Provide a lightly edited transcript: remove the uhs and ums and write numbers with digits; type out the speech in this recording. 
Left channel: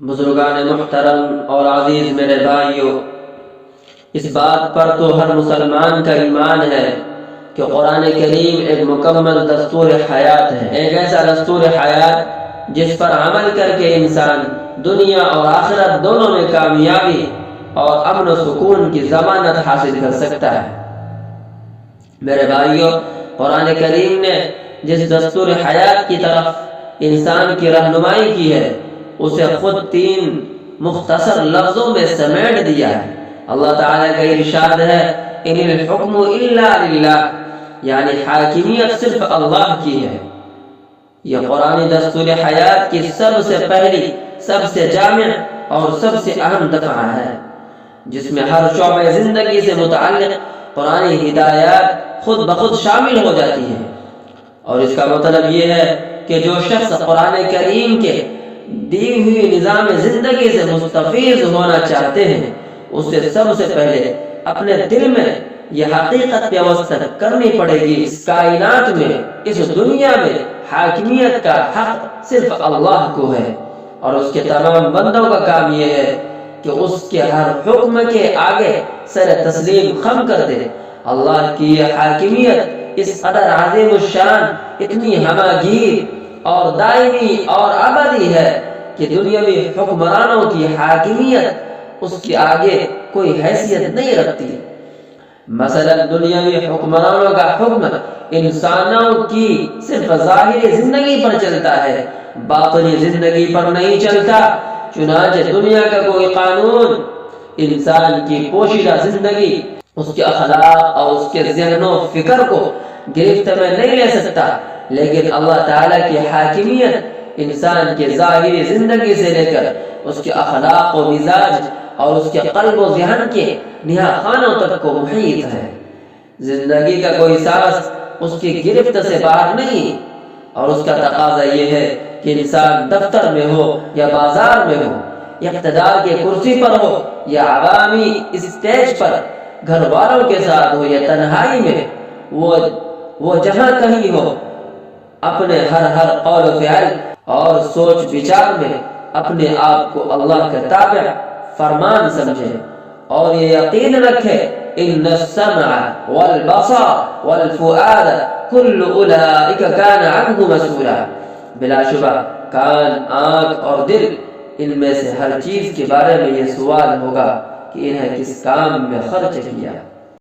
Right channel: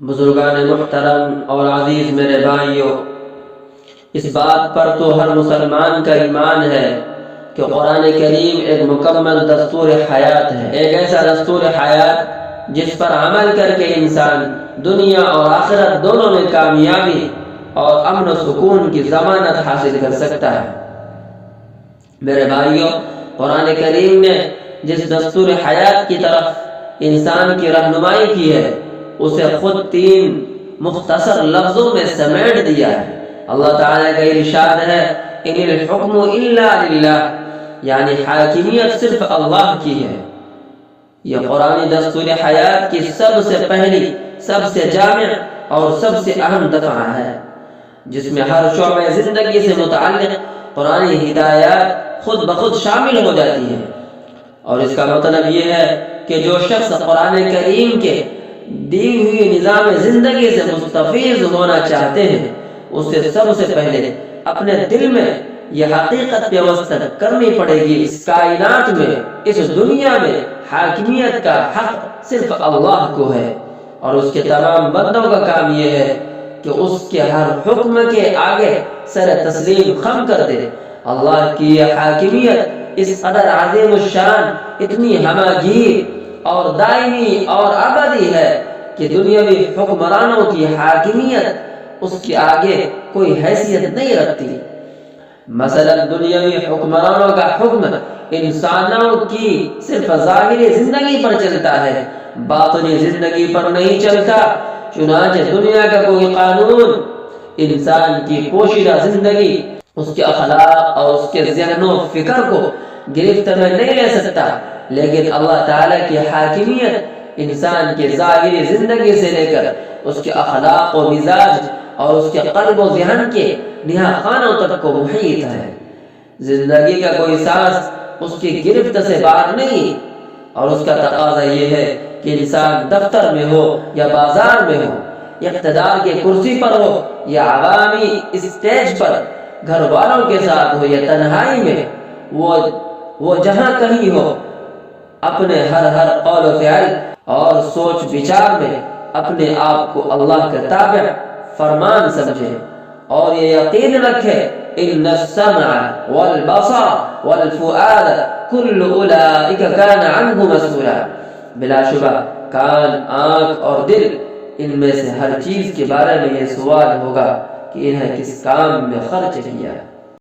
بزرگان محترم اور عزیز میرے بھائیوں، اس بات پر تو ہر مسلمان کا ایمان ہے کہ قرآن کریم ایک مکمل دستور حیات ہے، ایک ایسا دستور حیات جس پر عمل کر کے انسان دنیا اور آخرت دونوں میں کامیابی اور امن و سکون کی ضمانت حاصل کر سکتا ہے۔ میرے بھائیوں، قرآن کریم نے جس دستور حیات کی طرف انسان کی رہنمائی کی ہے اسے خود 3 مختصر لفظوں میں سمیٹ دیا ہے۔ اللہ تعالیٰ کا ارشاد ہے ان الحکم الا للہ، یعنی حاکمیت صرف اللہ کی ہے۔ یہ قرآن دستور حیات کی سب سے پہلی، سب سے جامع اور سب سے اہم دفعہ ہے، جس میں ہر شعبہ زندگی سے متعلق قرآنی ہدایات خود بخود شامل ہو جاتی ہیں۔ اور اس کا مطلب یہ ہے کہ جو شخص قرآن کریم کے دی ہوئی نظام زندگی سے مستفیض ہونا چاہتے ہیں، اسے سب سے پہلے اپنے دل میں یہ حقیقت پیوست کرنی پڑے گی، اس کائنات میں، اس دنیا میں حاکمیت کا حق صرف اللہ کو ہے، اور اس کے تمام بندوں کا کام یہ ہے کہ اس کے ہر حکم کے آگے سر تسلیم خم کر دے۔ اللہ کی یہ حاکمیت اس قدر عظیم الشان، اتنی ہماگیر اور دائمی اور ابدی ہے کہ دنیاوی حکمرانوں کی حاکمیت اس کے آگے کوئی حیثیت نہیں رکھتی۔ مثلا دنیاوی حکمرانوں کا حکم انسانوں کی صرف ظاہری زندگی پر چلتا ہے، باطنی زندگی پر نہیں چلتا۔ چنانچہ دنیا کا کوئی قانون انسان کی پوشیدہ زندگی، اس کے اخلاق اور اس کے ذہن و فکر کو گرفت میں نہیں لے سکتا، لیکن اللہ تعالیٰ کی حاکمیت انسان کی ظاہری زندگی سے لے کر اس کے اخلاق و مزاج اور اس کے قلب و ذہن کے نہا خانوں تک کو محیط ہے۔ زندگی کا کوئی سانس اس کی گرفت سے باہر نہیں، اور اس کا تقاضا یہ ہے کہ انسان دفتر میں ہو یا بازار میں ہو، اقتدار کے کرسی پر ہو یا عوامی اسٹیج پر، گھر والوں کے ساتھ ہو یا تنہائی میں، وہ جہاں کہیں ہو، اپنے ہر قول و فعل اور سوچ بچار میں اپنے آپ کو اللہ کا تابع فرمان سمجھے، اور یہ یقین رکھے ان السمع والبصر والفؤاد کل اولئک کان عنہ مسئولا، بلا شبہ کان، آنکھ اور دل، ان میں سے ہر چیز کے بارے میں یہ سوال ہوگا کہ انہیں کس کام میں خرچ کیا۔